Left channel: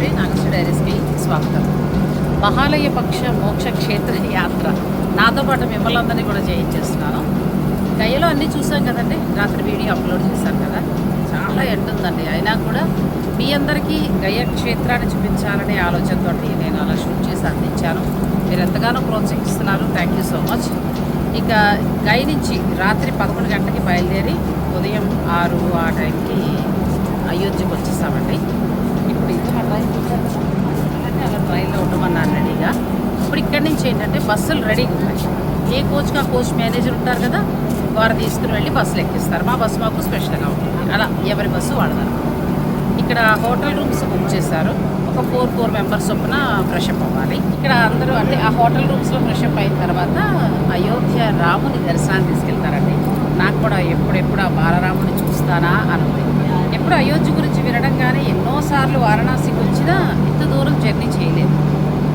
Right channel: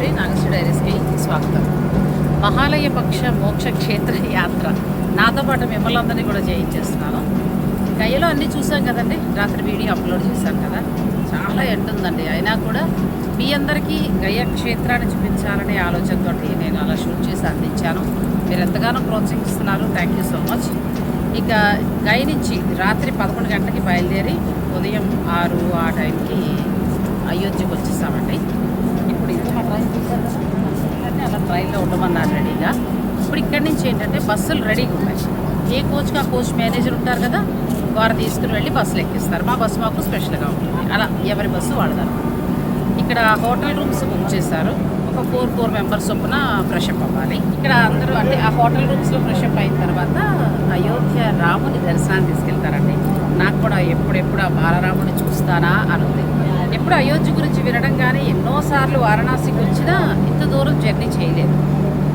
శ్రీ నాగశ్రీ డైరీస్కి స్వాగతం. మహాలయ పక్ష మోక్ష క్షేత్ర యాత్ర. నాతో పాటు మిమ్మల్ని అందరినీ కూడా చేయించేస్తున్నాను గయ్యలో అన్నీ చూసాం కదండి? రాత్రి వీడియో అప్లోడ్ చేశాను కదా? చాలా ఎండుందండి అయినా కూడా మీ అందరికీ గయ క్షేత్రాన్ని చూపించాలనే ఆలోచనతో నేను అలా షూట్ చేసి అందించాను. మీరు ఎంతగానో ప్రోత్సహిస్తున్నారు. థ్యాంక్ యూ సో మచ్ ఇక గై నుంచి రాత్రి పదకొండు గంటలకి బయలుదేరి ఉదయం ఆరు ఆ టైంకి అయోధ్యకు వచ్చేసామండి. ఇప్పుడు ఇది మా ట్రైన్ చూసారు కదా. అంటే అలా ట్రైన్లో ఉండమన్నారు రెడీగా. ఇప్పుడు ఇక్కడి నుంచి ఏంటంటే బస్సులు రెడీగా ఉన్నాయి. ఏ కోచ్కి ఆ కోచ్ మేనేజర్ ఉంటారు కదా వారు తీసుకుని వెళ్ళి బస్సులు ఎక్కిస్తారు. మా బస్సు మాకు స్పెషల్గా ఉంటుంది. అలా ఎవరి బస్సు వాడదారు ఇక్కడ హోటల్ రూమ్స్ బుక్ చేశారు. ఒక ఫోర్ ఫోర్ మెంబర్స్ చొప్పున ఫ్రెష్ అప్ అవ్వాలి. ఇక్కడ అందరూ అంటే ఆ హోటల్ రూమ్స్లో ఫ్రెష్ అప్ అయిన తర్వాత అయోధ్య రాముని దర్శనాన్ని తీసుకెళ్తారండి. నాకు కూడా ఎప్పుడెప్పుడు ఆ బాలరాముని చూస్తానా అని ఉంది. ఎప్పుడు అయోధ్య గురించి వినడం కానీ ఎన్నోసార్లు వారణాసికి వచ్చినా ఇంత దూరం జర్నీ చేయలేదు.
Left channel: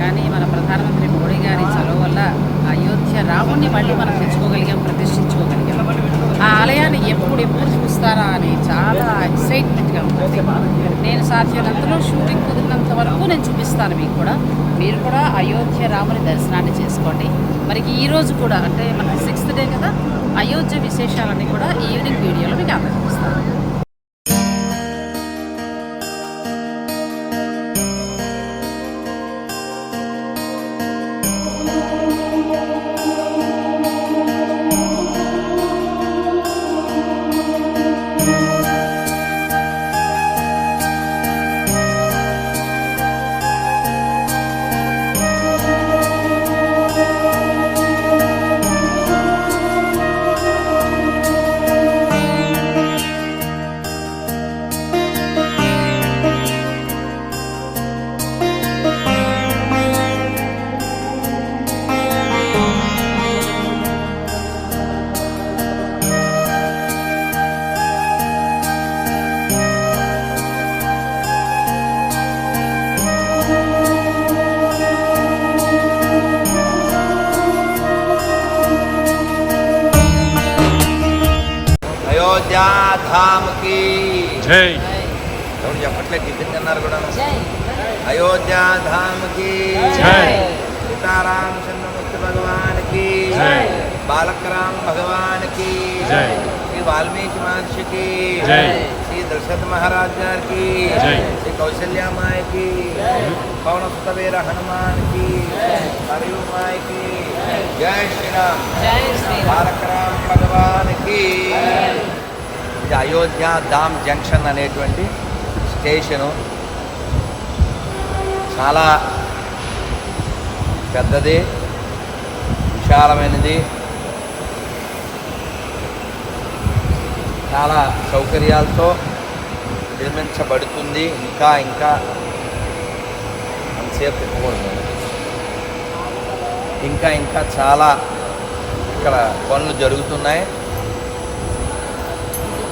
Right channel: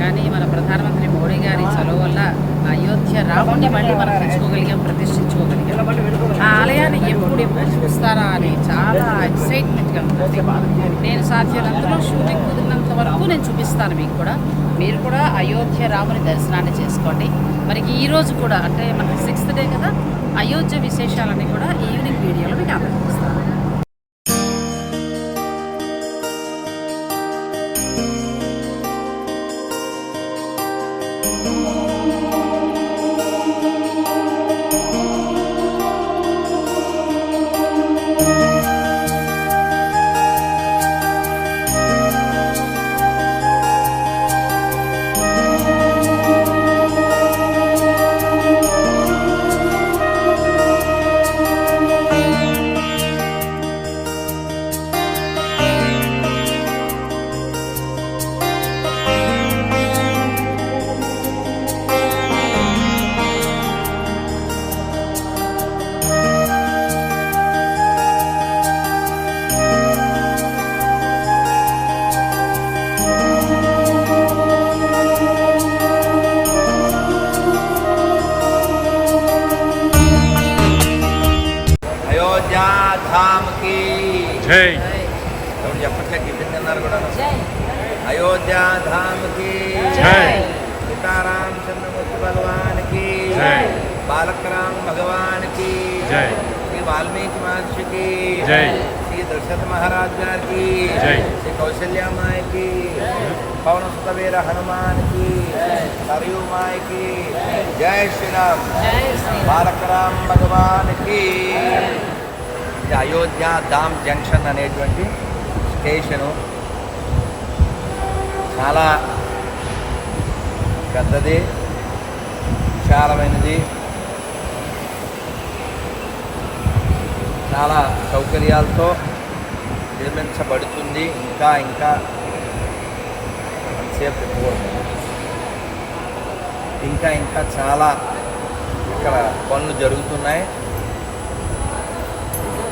కానీ మన ప్రధానమంత్రి మోడీ గారి చొరవ వల్ల అయోధ్య రాముణ్ణి మళ్ళీ మనం తెచ్చుకోగలిగాం ప్రతిష్ఠించుకోగలిగాం. ఆ ఆలయాన్ని ఎప్పుడెప్పుడు చూస్తారా అని చాలా ఎక్సైట్మెంట్గా ఉందండి. నేను సాధ్యమైనంతలో షూటింగ్ కుదిరినంత వరకు నేను చూపిస్తాను మీకు కూడా. మీరు కూడా అయోధ్య రాముని దర్శనాన్ని చేసుకోండి. మరి ఈరోజు కూడా అంటే మనకి సిక్స్త్ డే కదా అయోధ్య విశేషాలన్నీ కూడా ఈవినింగ్ వీడియోలో మీకు అందజేస్తాను. అయోధ్యా ధామ్కి జై. సీతారాం చంద్రమూర్తి భగవాన్కి జై. బాలకరాం భగవాన్కి జై శ్రీ వాల్మీకి మహర్షికి. శ్రీ దశరథ మహారాజ్ గారికి. శ్రీ కౌశల్యామాయకి పవనసుత వీర హనుమాన్కి మరియు మాయకి జై శ్రీరామ్ జై శ్రీరామ్ బాలకరాం భగవానికి ఇది అయోధ్య ధామ్ జంక్షన్ అనేటువంటి స్టేషను చాలా పెద్దది విశాలమైనది చాలా సౌకర్యాలతో నిర్మించబడుతుంది. ఇంకా ఇంకా అంతసేపు తిప్పకూడదు. ఇంకా ఇంకా చాలా ఇక్కడ పనులు జరుగుతున్నాయి.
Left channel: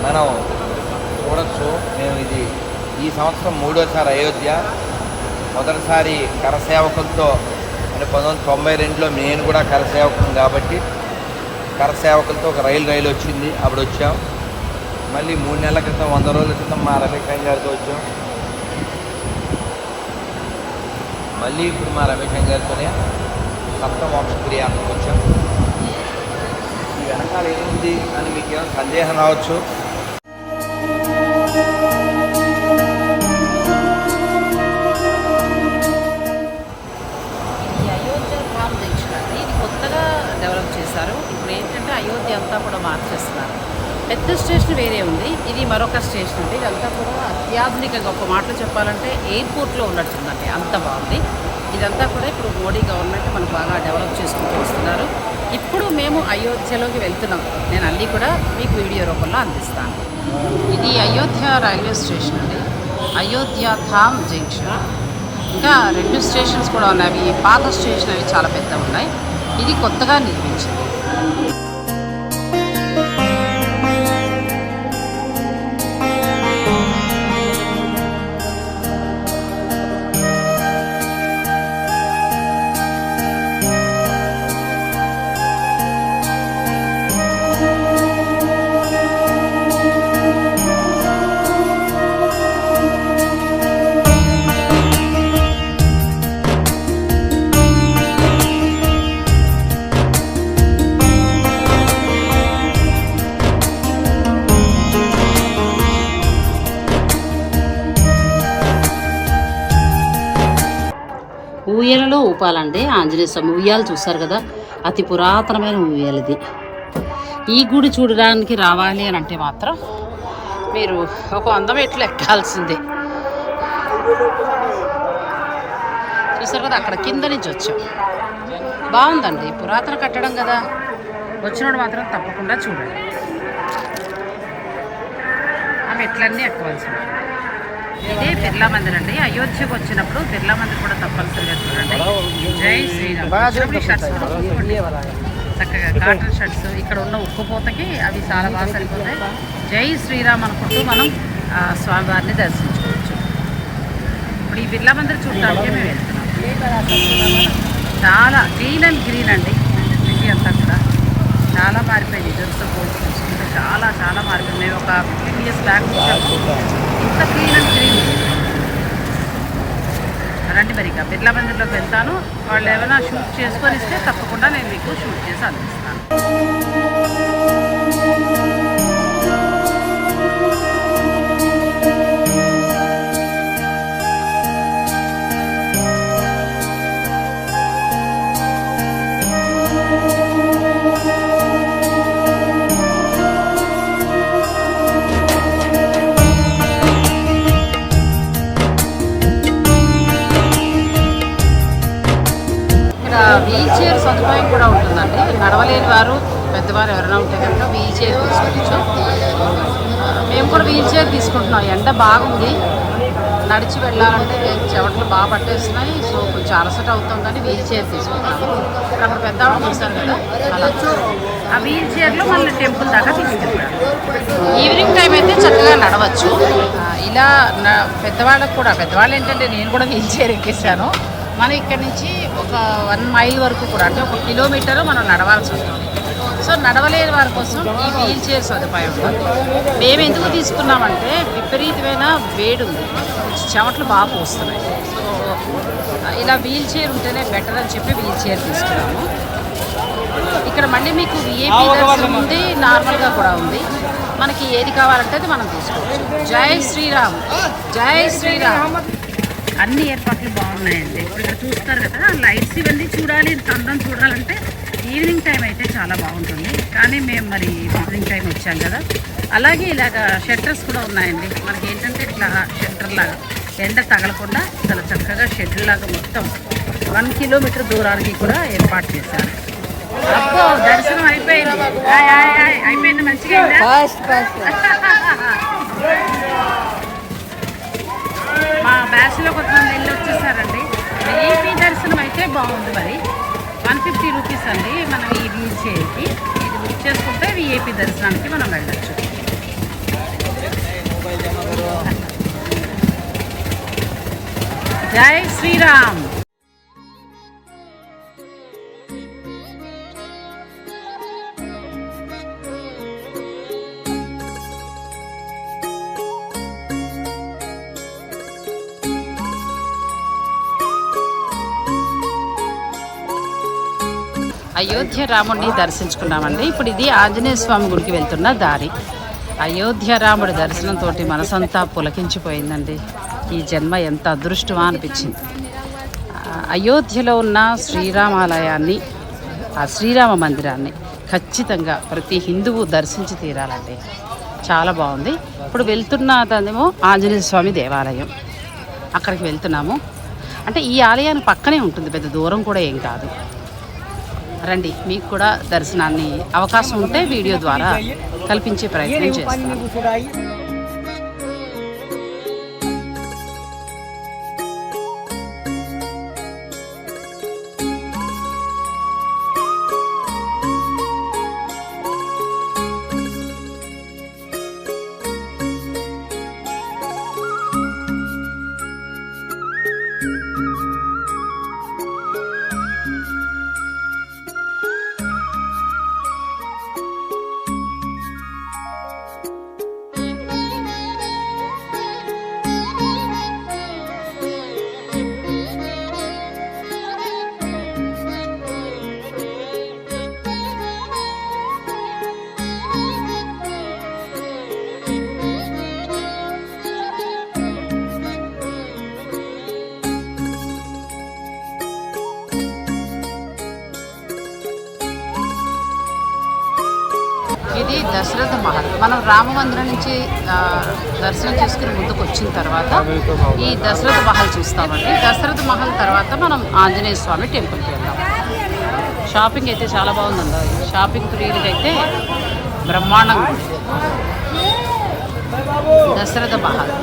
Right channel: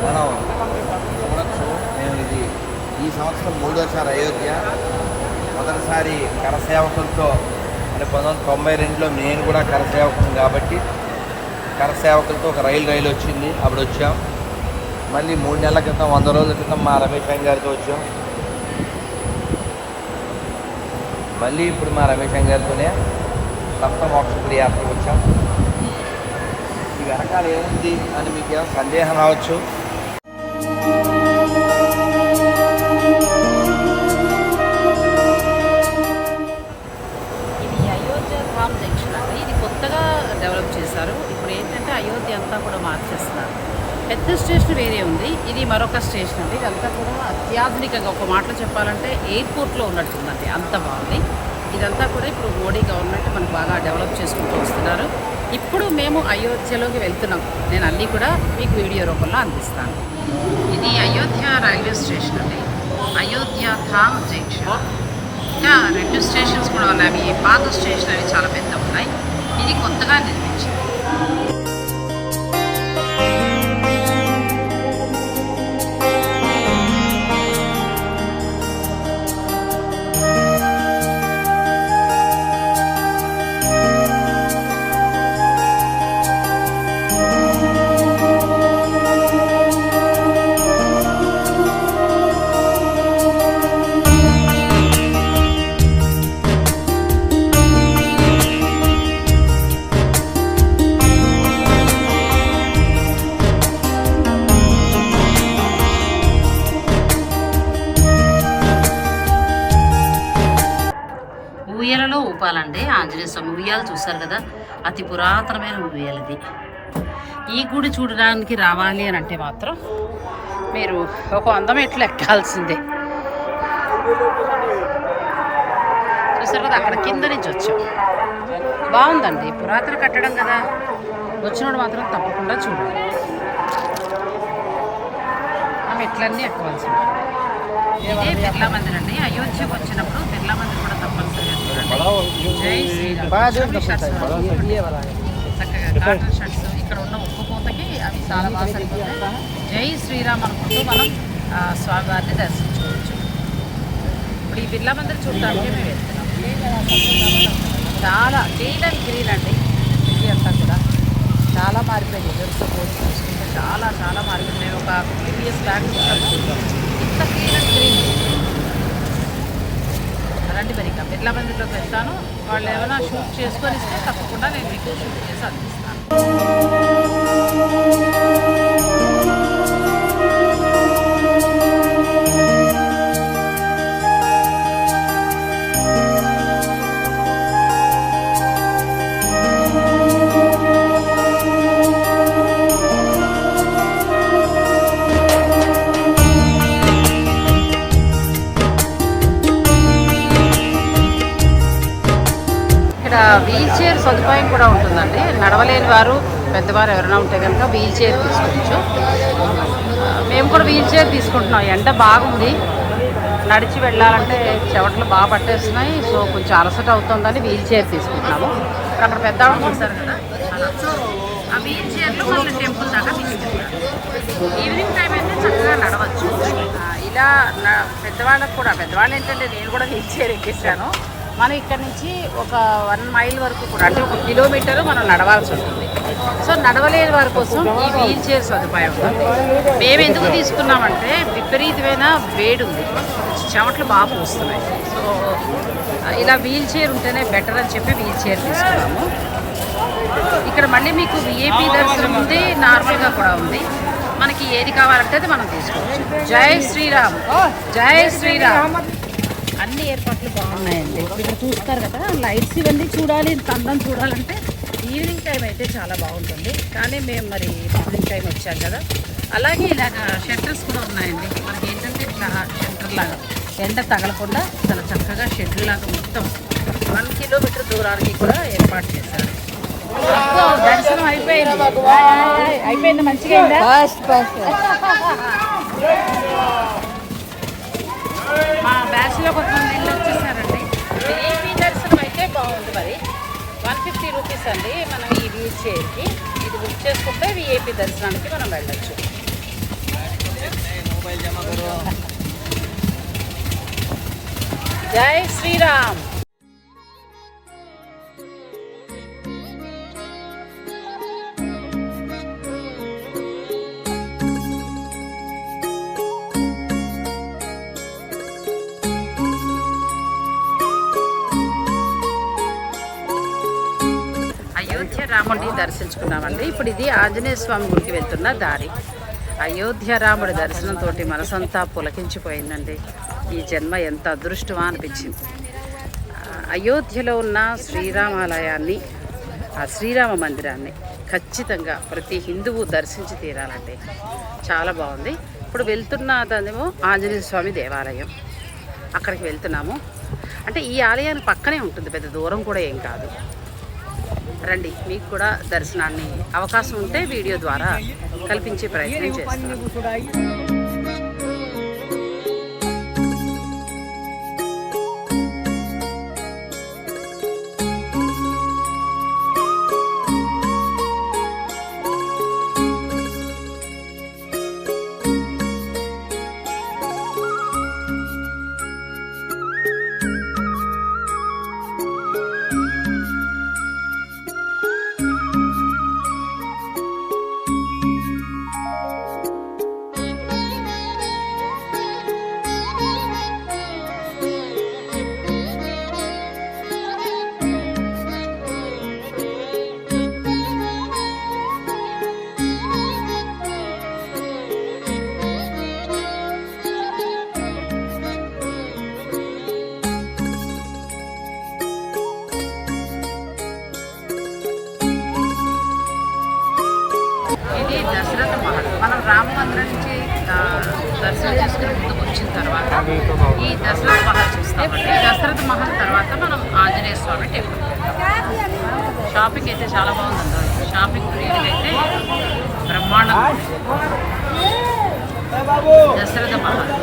మనం చూడొచ్చు మేము ఇది ఈ సంవత్సరం మూడోసారి అయోధ్య. మొదటిసారి కరసేవకులతో అంటే పంతొమ్మిది వందల తొంభై రెండులో నేను కూడా కరసేవకును కాబట్టి కరసేవకులతో ఒక రైలు రైలు వచ్చింది. అప్పుడు వచ్చాం. మళ్ళీ మూడు నెలల క్రితం వంద రోజుల క్రితం మా రమేష్ వెంకట్ గారితో వచ్చాం. మళ్ళీ ఇప్పుడు మా రమేష్ వెంకట్ గారితోనే సప్త మోక్ష వచ్చాం ఈ వెనకాల ఏముంది అని మీకు ఏమైనా సందేహం రావచ్చు? డెవలప్ ఇప్పుడు ఏంటంటే అయోధ్య అంతా కూడా మార్చేస్తున్నారు. పెద్ద స్టేషన్ వేరే ఉంది. ఇది మరొక స్టేషన్ అండి. ఇదంతా కూడా అత్యాధునికంగా ఒక మాటలో చెప్పాలంటే ఎయిర్పోర్ట్లో ఉన్నట్టుందండి. అంత బాగుంది. ఇదంతా కూడా ఇప్పుడు మోడీ గవర్నమెంట్ మనకు బాగా డెవలప్ చేసుకుంటూ వస్తున్నారు. ఇప్పుడు మేము అయోధ్యలోకి వెళ్తున్నాం. నేను అన్నీ కూడా మీకు వీడియో రూపంలో అందిస్తాను. ఇది అయోధ్య రైల్వే స్టేషన్ అండి. అయోధ్య ధామ్ జంక్షన్. ఇంకా రెండు స్టేషన్స్ కూడా ఉన్నాయి. ఈ పాత స్టేషన్ అవి చాలా పెద్ద ఉన్నాయి. ఇది కొత్తగా Música చెప్పాలంటే ఆంజనేయ స్వామి ఉయ్యాలు చూస్తారు కదా అతి పురాతనమైన ఉయ్యాలు ఇది. ఈ గుడి చూడడానికి రావాలి అని అంటే మాత్రం మీరు ఒక వంద మెట్లు ఎక్కాల్సిందే. చూస్తారు కదా అక్కడ కింద నుంచి వచ్చాం. బాగుందండి పురాతన కట్టడం కదా. వచ్చినోడు మాత్రం తప్పకుండా చూడండి ఆ మెట్లన్నీ ఎక్కవలసింది ఇదే బిర్లా మందిర్ అండి. అయోధ్యకు వచ్చినప్పుడు బిర్లా మందిర్ కూడా తప్పనిసరిగా చూడండి. జై శ్రీరామ్. చక్కగా కాటన్ షర్ట్స్. ఇక్కడ ఉన్న ఉక్కుపోతకి అవి చాలా బాగా సరిపోతాయి. జై శ్రీరామ్ అనుకుంటూ మనం స్వామివారిని దర్శించుకోవచ్చు. ఇప్పుడు ఈ బిర్లా మందిర్ చూడటానికి మేము వెళ్తున్నాం. చాలా క్లీన్ అండ్ గ్రీన్ అండి. సిటీ అంతా కూడా చాలా మారిపోయింది. ఇద్దరితో పోల్చి చూసుకుంటే చాలా చాలా మారిపోయింది. మేము ఒక fifteen years back clean and రండి మరి ఇక. బిర్లా మందిర్లోకి వెళ్తాను. వాళ్ళు ఏమైనా షూట్ చేసుకొని ఇస్తే తప్పకుండా నేను మీకు షూట్ చేసి అందిస్తాను. సదుపాయం కూడా ఉంటుందండి. నడవలేని వారు పెద్దవారు ఎవరైనా ఉంటే కనుక వీల్ చైర్ తీసుకోవచ్చు. మేము కూడా వీల్ చైర్ తీసుకుంటున్నాం. ఎండ బాగుంది. నడిచి వెళ్ళాలంటే చెవట్లు బాగా పట్టేస్తున్నాయి. సో కొంచెం అలసట అవుతుందని వీల్ చైర్ తీసుకుంటున్నాము. అక్కడ పెద్ద ఆవిడ చూశారు కదా. అలా. ఆ వీల్ చైర్లో మళ్ళీ టెంపుల్ దాకా తీసుకెళ్ళాము ఈవినింగ్ టైం అయితే చక్కగా నడవచ్చు. ఇలా పెద్దవాళ్ళకు కూడా పెద్దవాళ్ళు ఏంటంటే నేను కూడా వీల్ చైర్ ఎక్కేసాను మనం ఇక్కడ నుంచి ఒక వన్ మైల్ వరకు కూడా అంటే ఒక కిలోమీటర్ మనం నడవాల్సి ఉంటుంది సో నడవలేని వారి కోసం ఈ వీల్ చైర్ సదుపాయం ఉంటుంది మేము ఎందుకు తీసుకున్నామంటే విపరీతమైన వేడి ఉంది. చెమటలు బాగా పోస్తున్నాయి. సో ఇలా వీల్ చైర్ ఉంటేనే బెటర్ అని చెప్పి వీల్ చైర్ తీసుకున్నాము. ఇక్కడ మళ్ళీ మీకు విఐపి దర్శనం ఉంది నార్మల్గా కూడా ఉంది. మనకి ఏది కావాలంటే అది మనం తీసుకోవచ్చు. జై శ్రీరామ్. జై శ్రీరామ్. అన్ని ఏర్పాట్లు బాగున్నాయండి. ఇప్పుడు ఇక్కడ చూస్తారు కదా లైట్స్ ఇవన్నీ చూడాలి అందం చూడాలంటే ఈవినింగ్ టైం అయితే చాలా బాగుంటుంది. కానీ మేము మరి మార్నింగ్ టైం వచ్చాం కదా. అలాగే ఇలాగ షెల్టర్స్ కూడా ఉన్నాయండి. మనకి ఏంటంటే ఇట్లా షెల్టర్ లాగా ఎండ తగలకుండా చాలా చక్కగా షెడ్యూల్ లాగా మొత్తం వన్ కిలోమీటర్ దూరానికి కూడా ఏర్పాటు చేశారు. దర్శనం అయిపోయింది. అయిపోయింది మంచిగా మా బ్యాచ్లో కొంతమంది వెళ్ళి వచ్చేసారండి. విఐపి దర్శనం అయితే బాగుంది మరి. వన్ ఫిఫ్టీ రూపీస్ అండి మనం ఈ వీల్ చైర్కి ఇది బుక్ చేసుకుంటే విఐపి దర్శనానికి మనం వెళ్ళచ్చు. జై శ్రీరామ్! రాముడిని దర్శించుకున్నామండి. ఇప్పుడు ఇది ఆంజనేయ స్వామి గుడికి వెళ్తున్న దారి. అయోధ్య రాముడి దర్శనంతో మనసంతా పులకించిపోయిందండి. ఈ జన్మ ఎంత అదృష్టమా అనిపించింది. అయోధ్యలో ఉన్న శ్రీరామాలయాన్ని ఆ శ్రీరామ మందిరాన్ని ఖచ్చితంగా ప్రతి హిందువు దర్శించి తీరాలండి. చాలా బాగుంది. ఇప్పుడు వెళ్తున్నదేమో ఆంజనేయ స్వామి దేవాలయం. అక్కడికి వెళ్తున్నాము. అంటే ఈ ఆలయానికి పక్కనే ఉంటుంది. పెద్ద దూరం కూడా ఏం కాదు. రండి మీకు కూడా దర్శనాన్ని అవకాశం ఉంటే వీడియో ద్వారా కల్పించే ప్రయత్నం చేస్తాను. మహల్. మనం రామ మందిరం నుంచి దర్శనం చేసుకుని ముందుకు వచ్చిన తర్వాత ఈ దశరథ మహల్ చూస్తామండి. దశరథ మహల్ తర్వాత మనం ఆంజనేయ స్వామి టెంపుల్. షాపింగ్ అయితే చాలా బాగుందండి. షాపింగ్ పీరియడ్ అయితే బ్రహ్మాండంగా దశరథ మహల్.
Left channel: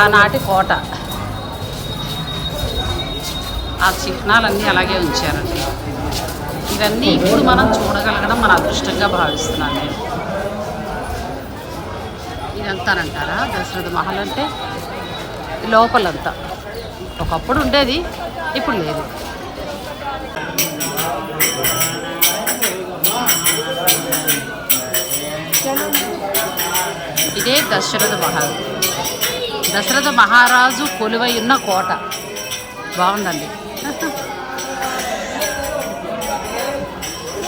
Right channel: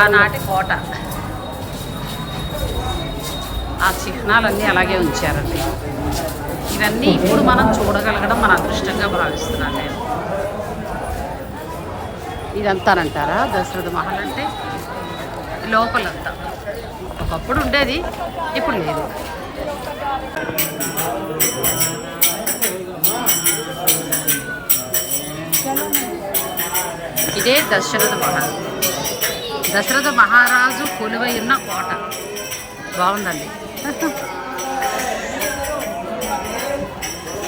ఆనాటి కోట. ఆ చిహ్నాలన్నీ అలాగే ఉంచారండి. ఇవన్నీ ఇప్పుడు మనం చూడగలగడం మన అదృష్టంగా భావిస్తున్నాను నేను. ఇదంతానంటారా? దశరథ మహల్ అంటే లోపలంతా. ఒకప్పుడు ఉండేది ఇప్పుడు లేదు. ఇదే దశరథ మహల్. దశరథ మహారాజు కొలువై ఉన్న కోట. బాగుందండి.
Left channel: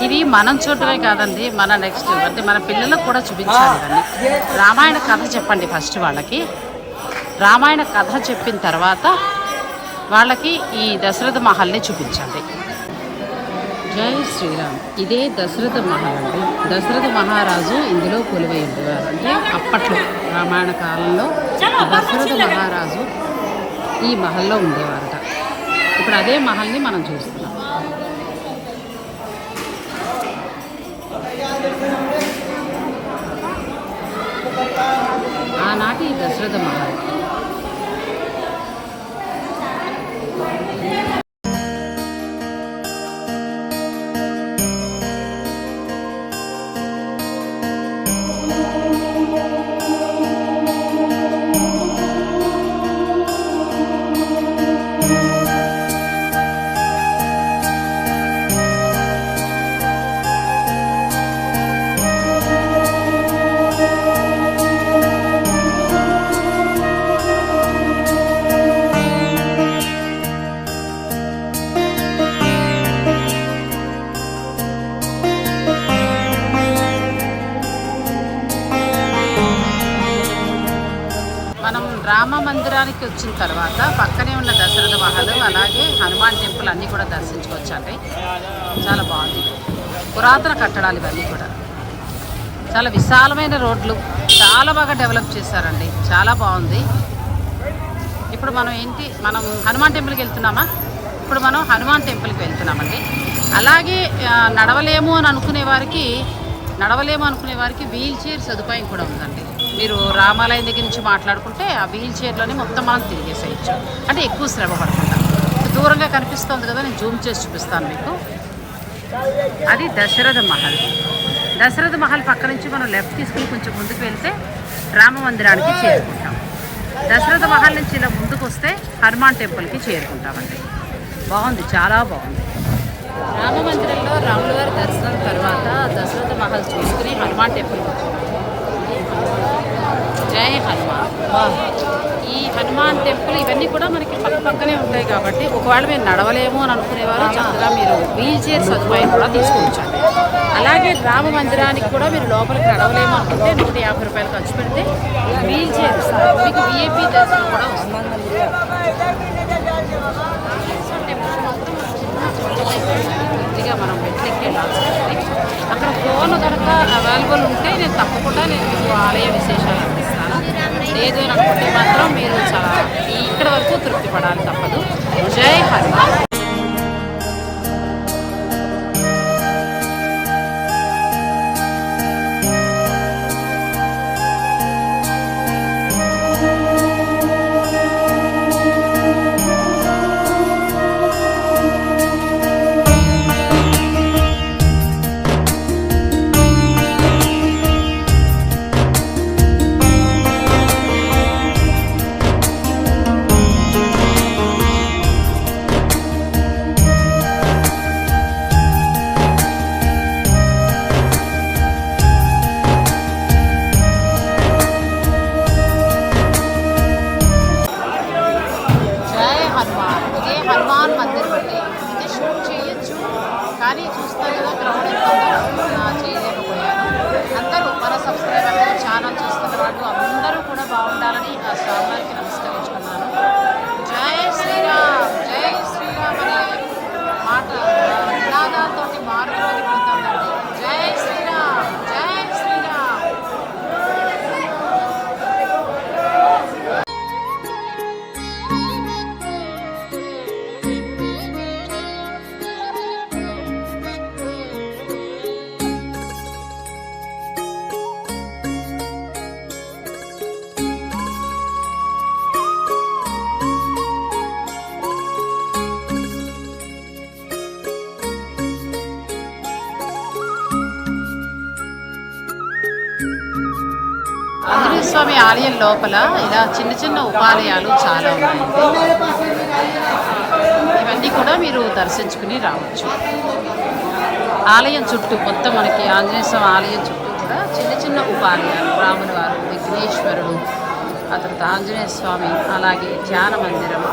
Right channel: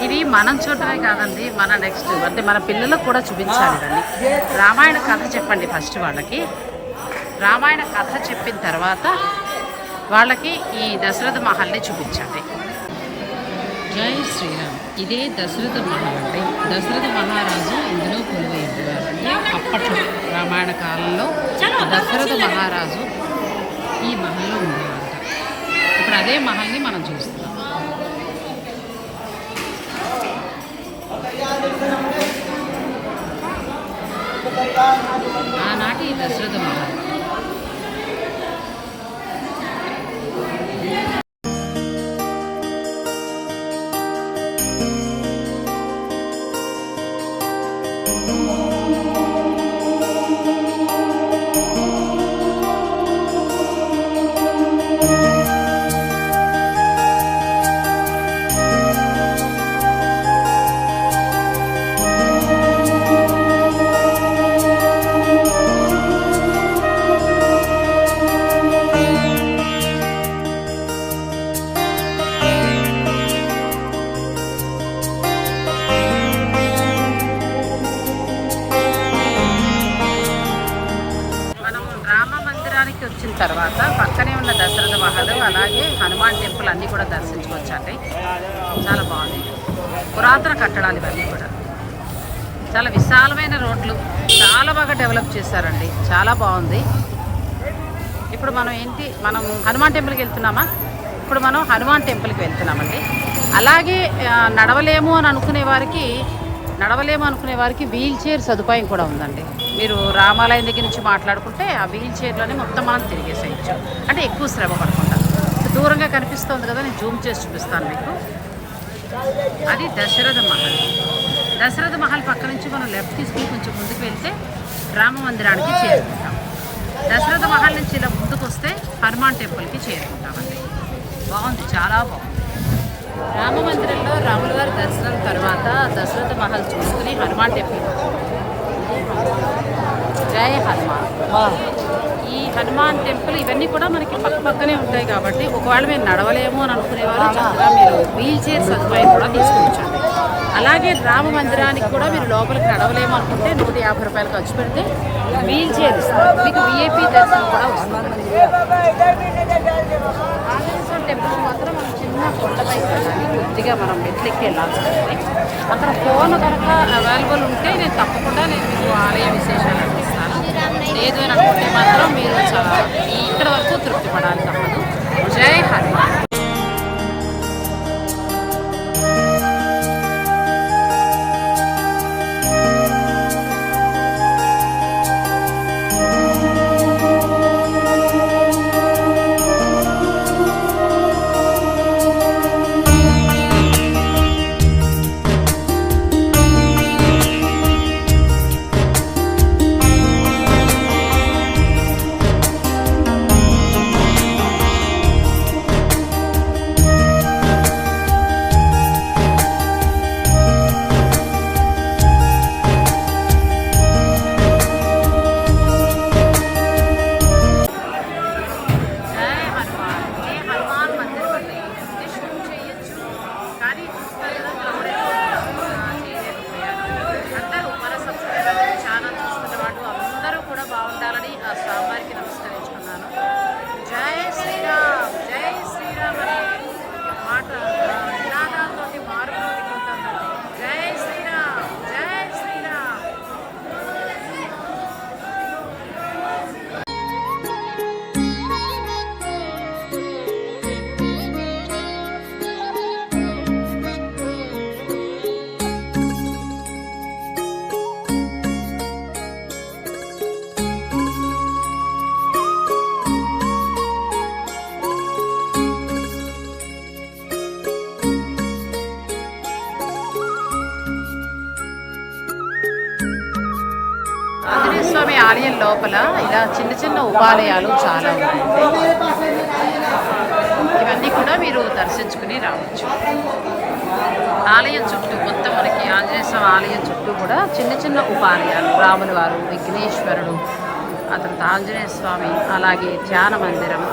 ఇవి మనం చూడటమే కాదండి మన నెక్స్ట్ అంటే మన పిల్లలకు కూడా చూపించాలి ఇవన్నీ. రామాయణ కథ చెప్పండి ఫస్ట్ వాళ్ళకి. రామాయణ కథ చెప్పిన తర్వాత వాళ్ళకి ఈ దశరథ మహల్ని చూపించాలి జై శ్రీరామ్. ఇదే దశరథ మహల్ అండి. దశరథ మహారాజు ఇందులో కొలువై ఉండేవారు. అంటే అప్పట్లో రామాయణ కాలంలో దశరథ మహారాజు ఈ మహల్లో ఉండేవారట. ఇప్పుడు అదే మహల్ని మనం చూస్తున్నాం. ఆనాటి దశరథ మహల్ అన్నీ కూడా దర్శించుకోవచ్చు అండి. చాలా బాగుంది. పురాతన కట్టడాలు ఇవన్నీ కూడా. చాలా విశాలమైన రోడ్లు. చాలా బాగా డెవలప్ చేశారండి. చాలా బాగుంది. ఇప్పుడు మనం ఏంటి? మనం హనుమాన్ టెంపుల్కి వెళ్తున్నామా? ఇప్పుడు మనం హనుమాన్ టెంపుల్కి వెళ్తున్నామండి. అలాగే నడవలేము అని అనుకునే వారికి నడవలేము అనుకునే వారికి వీల్ చైర్ సదుపాయం కూడా ఉందండి. మీరు రామాలయం దగ్గర నుంచి మాట్లాడుకుంటే ఆ వీల్ చైర్లోనే మొత్తం మనం తిరిగేసేయచ్చు. అంటే ఎక్కువ శ్రమ పడకుండా. దూరంగా కనిపిస్తుంది కదా నేను జూమ్ చేసి చూపిస్తాను మీకు. అది దశరథ మహల్. దశరథ మహల్ పక్క నుంచి మనం లెఫ్ట్ తీసుకుని కొంచెం ముందుకు వెళ్తే రామ మందిరానికి చేరుకుంటాం. దశరథ మహల్ నుంచి ఇలా ముందుకు వస్తే హనుమాన్ టెంపుల్కి చేరుకుంటామండి. బాగుంది చాలా బాగుంది. రామ మందిరంలో రాముల గారి దర్శనం తర్వాత దశరథ మహల్ చూసుకుని హనుమాన్ టెంపుల్కి వచ్చాము ఇదే హనుమాన్. హనుమాన్ ఈ హనుమాన్ టెంపుల్ ఇవన్నీ కూడా మనకి పక్క పక్కనే ఉంటాయి కాబట్టి ఒకవేళ మేము నడవలేము అని అనుకునేవారు చక్కగా మీరు వీల్ చైర్ సదుపాయం కూడా తీసుకొచ్చండి అలాగే రామ మందిరానికి కూడా మీరు లోపలికి నడవలేము అనుకుంటే నూట యాభై రూపాయలు ఖర్చు పెడితే వీల్ చైర్ మీకు విఐపి దర్శనం కూడా అక్కడ ఫోన్ కనుక అవైలబుల్ ఉంటే నేను తప్పకుండా నేను మీకు ఆలయ విశేషాలు అందిస్తాను. లేదు అని అనుకుంటే మాత్రం మీరు చాలా ఇక్కడ వరకు తృప్తి పడాలి తప్పదు. జై హనుమాన్. లోపల ఇలా చిన్న చిన్న ఉపాలయాలు చాలా ఉన్నాయి. ఇవన్నీ కూడా మీరు దర్శించుకుని రావచ్చు. ఆలయం చుట్టూ కొత్త మనకి ఆంజనేయ స్వామి ఆలయం చుట్టూ కూడా చిన్న చిన్న ఉపాలయాలు. రాముల వారు విఘ్నేశ్వరుడు ఆ తర్వాత ఆంజనేయ స్వామి అలాగే ధ్యాన మందిరం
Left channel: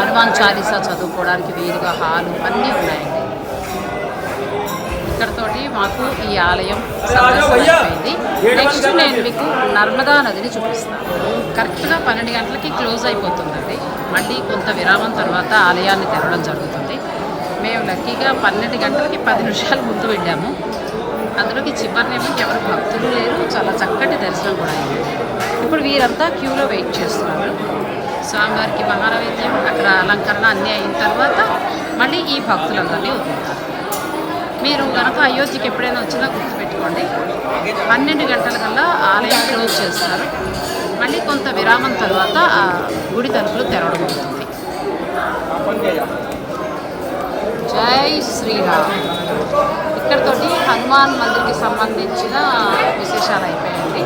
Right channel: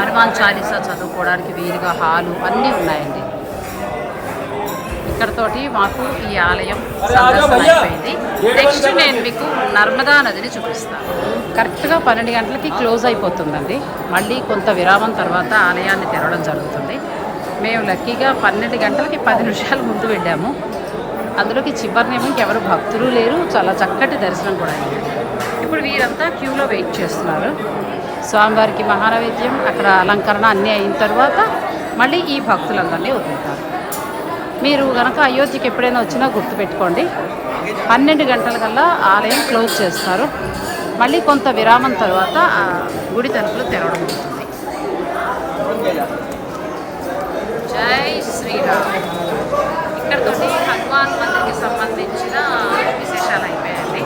హనుమాన్ చాలీసా చదువుకోవడానికి వీలుగా హాలు అన్నీ ఉన్నాయండి. ఇక్కడతోటి మాకు ఈ ఆలయం సందర్శన అయిపోయింది. నెక్స్ట్ నేను మీకు నర్మదా నదిని చూపిస్తాను. కరెక్ట్గా పన్నెండు గంటలకి క్లోజ్ అయిపోతుందండి. మళ్ళీ కొంత విరామం తర్వాత ఆలయాన్ని తెరవడం జరుగుతుంది. మేము లక్కీగా పన్నెండు గంటలకి పది నిమిషాలు ముందు వెళ్ళాము. అందులోకి చివరిని ఎవరు భక్తులు లేరు. చాలా చక్కటి దర్శనం కూడా అయింది. ఇప్పుడు వీరంతా క్యూలో వెయిట్ చేస్తున్నారు. స్వామివారికి మహానైవేద్యం అక్కడ అలంకరణ అన్నీ అయిన తర్వాత మళ్ళీ ఈ భక్తులందరినీ వదులుతారు మీరు కనుక అయోధ్యకి ఎప్పుడైనా వచ్చినా గుర్తుపెట్టుకోండి. పన్నెండు గంటల కల్లా ఆలయం క్లోజ్ చేస్తారు. మళ్ళీ కొంత విరామం తర్వాత గుడి తలుపులు తెరవడం అవుతుంది. జై శ్రీరామ్. ఇక్కడితోటి హనుమాన్ మందిర్కి సంబంధించిన విశేషాలు అయిపోయాయండి.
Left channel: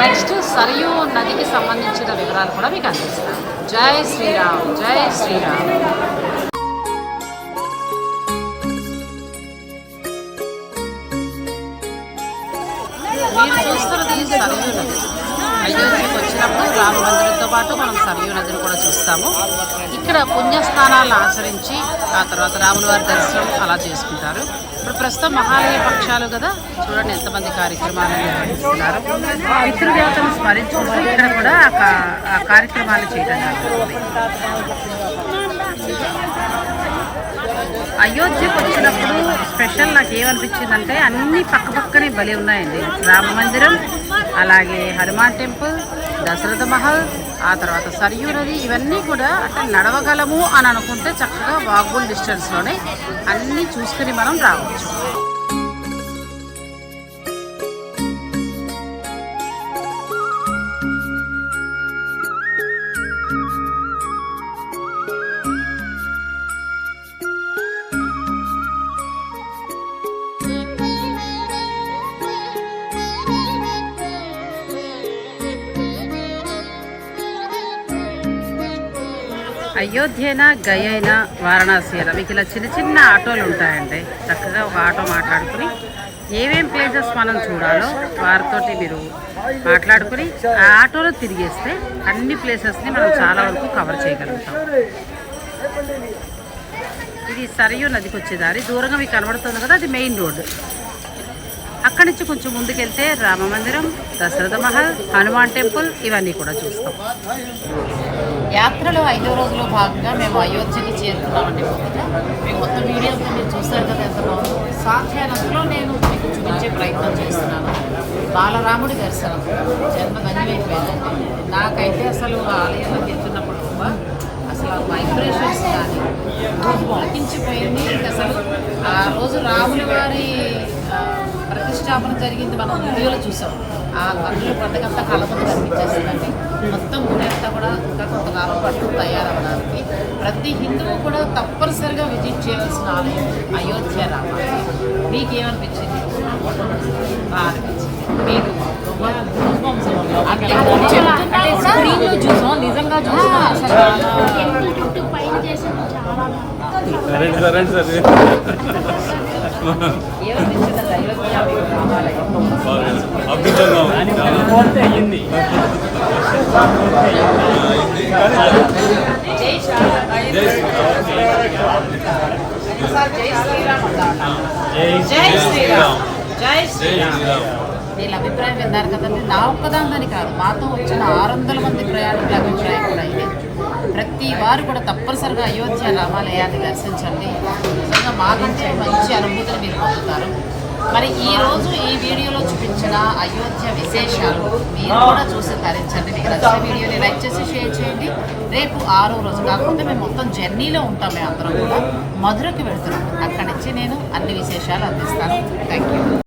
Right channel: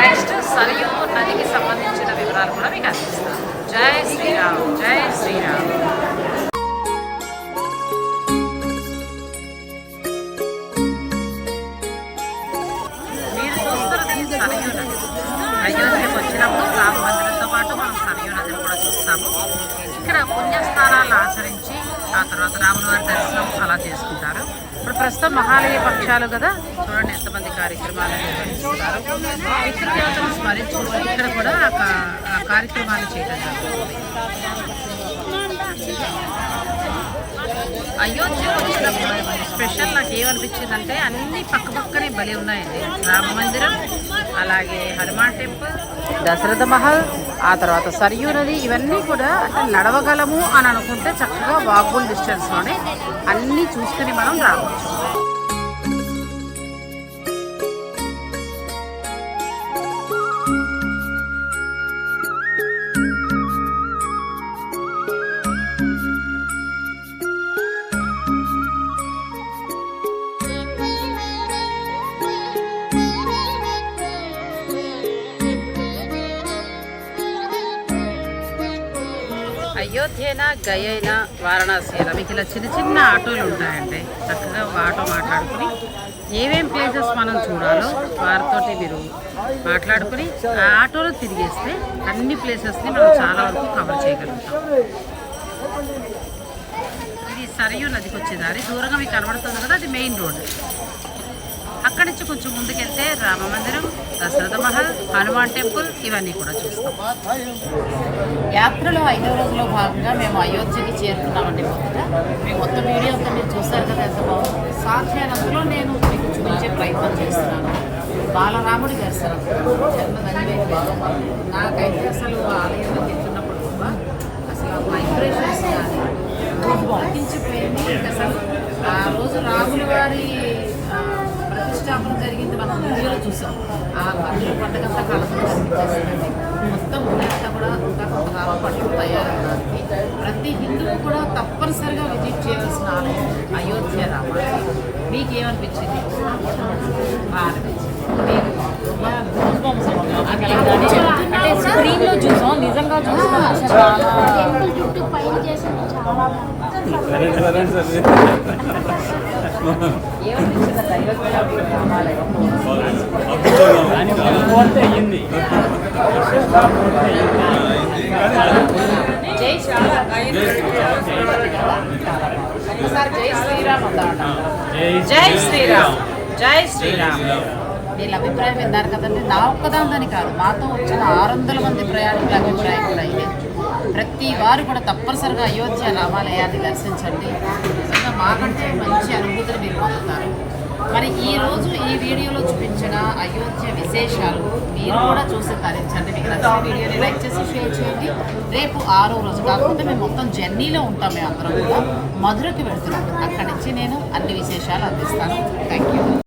నెక్స్ట్ సరియు నదికి సంబంధించిన వివరాలు కూడా మీకు అందిస్తాను. జై శ్రీరామ్ జై శ్రీరామ్. సరయూ నది వచ్చినప్పుడు రామ మందిరంతో పాటు మనం సరయూ నదిని కూడా చూస్తాము ఇక్కడ పుణ్యస్థానాలను ఆచరించి ఆ తర్వాత రాముల వారి దర్శనం అలా చేసుకుంటారు. ఇప్పుడు ప్రస్తుతం మహాలయ పక్షాలు కదా. చూడండి ఎంతమంది కార్యక్రమాలు నిర్వహిస్తున్నారు. పితృదేవతను స్మరించుకుంటూ ఇక్కడ కూడా ఆ కార్యక్రమాలు చేయడం జరుగుతుంది. అయోధ్యకు వచ్చినప్పుడు స్పెషల్ నాకు ఏమనిపించిందంటే అన్ని పక్క పక్కనే బలి ఉన్నాయండి. రామ మందిరం అలాగే హనుమాన్ టెంపుల్ దశరథ మహల్ ఆ తర్వాత సరియు నది ఇవన్నీ కూడా అంటే నడవగలము అని అనుకుంటే చక్కగా వాక్బుల్ డిస్టెన్స్లోనే అన్నీ చూసుకుని మనం రావచ్చు. అయోధ్యనా గయైన వారణాసి అయినా మీకు ఇలా చిన్న చిన్న ఆటోలు ఉంటాయండి. చక్కగా ఒక ఆటో మాట్లాడుకుని ఏమేం ప్లేసెస్ మనం చూడాలో వారితోటి మీరు మాట్లాడుకుని ఆ ఆటోలో తిరిగేస్తే అన్ని ప్లేసెస్ని మనం చాలా వరకు కవర్ చేయగలుగుతాం. ఇది సరియు నదికి వచ్చే దారి. దూరంగా మీకు కనబడుతుంది కదా అది మెయిన్ రోడ్డు అక్కడి నుంచి కొంచెం ముందుకెళ్తే రామ మందిరం దశరథ మహల్ హనుమాన్ టెంపుల్ ఇవన్నీ కూడా చూస్తాం. యాత్రలో ఐదో రోజులో భాగంగా మేము అయోధ్యకి చేరుకున్నామండి మొదట. మేము మొత్తం వీడియోస్ మీరు చూసారు కదా ఎంత బాగుందో. సాధ్యమైనంతలో నేను మీకు చూపించే ప్రయత్నం చేస్తున్నాను. బాలరాముడి దర్శనం. జన్మ ధన్యమైపోయిందండి నాకైతే అసలు ఆలయంలో వెళ్తున్నప్పుడు కూడా అసలు వైబ్రేషన్స్ కానీ వాకించిపోయింది అసలు ఆ రోజు రాముల వారి ప్రతిష్టాపన జరిగింది. మనం వీడియోలో చూసాం. ఆ కన్నుల పండుగంతా కళతో కనిపించేసిందండి. మొత్తం గుడి అంతా కూడా ఇంకా కొంతకాలం పట్టు తయారవడానికి ప్రతి హిందువు కూడా తప్పనిసరిగా విజిట్ చేయవలసిన ఆలయం అయోధ్య రామాలయం. మీకు ఏమనిపించింది బాగా అనిపించింది. మీరు అంటే స్క్రీన్లో చూసాం నిజంగా చూసాం. అసలు టెంపుల్ చుట్టూ పైన చేసింది చాలా జై శ్రీరామ్. జై శ్రీరామ్. వీళ్ళ అభిప్రాయం విన్నారు కదండి. నా ఒక్కదాందని కాదు. మాతో వచ్చిన ఆరు వందల మంది ప్రయాణికుల అభిప్రాయం కూడా ఇదే. ప్రతి వారు కూడా తప్పనిసరిగా అయోధ్య రామాలయాన్ని దర్శించండి. నిజంగా మాకంటే మంచి అనుభూతిని మీరు పొందుతారు. మరి ఈ రోజు ఈ వీడియోలో చూపించిన అయోధ్య విశేషాలు మీరు కూడా చూసి తరించండి. మీకు నచ్చిన వీడియోని లైక్ చేసి షేర్ చేయండి. రేపు ఆరో రోజు కాకుండా మేము మొత్తం జర్నీలో ఉంటాం మేము అందరం కూడా. మధురకి వెళ్తున్నాం. అక్కడి నుంచి నేను అన్ని విశేషాలు అందిస్తాను. Thank you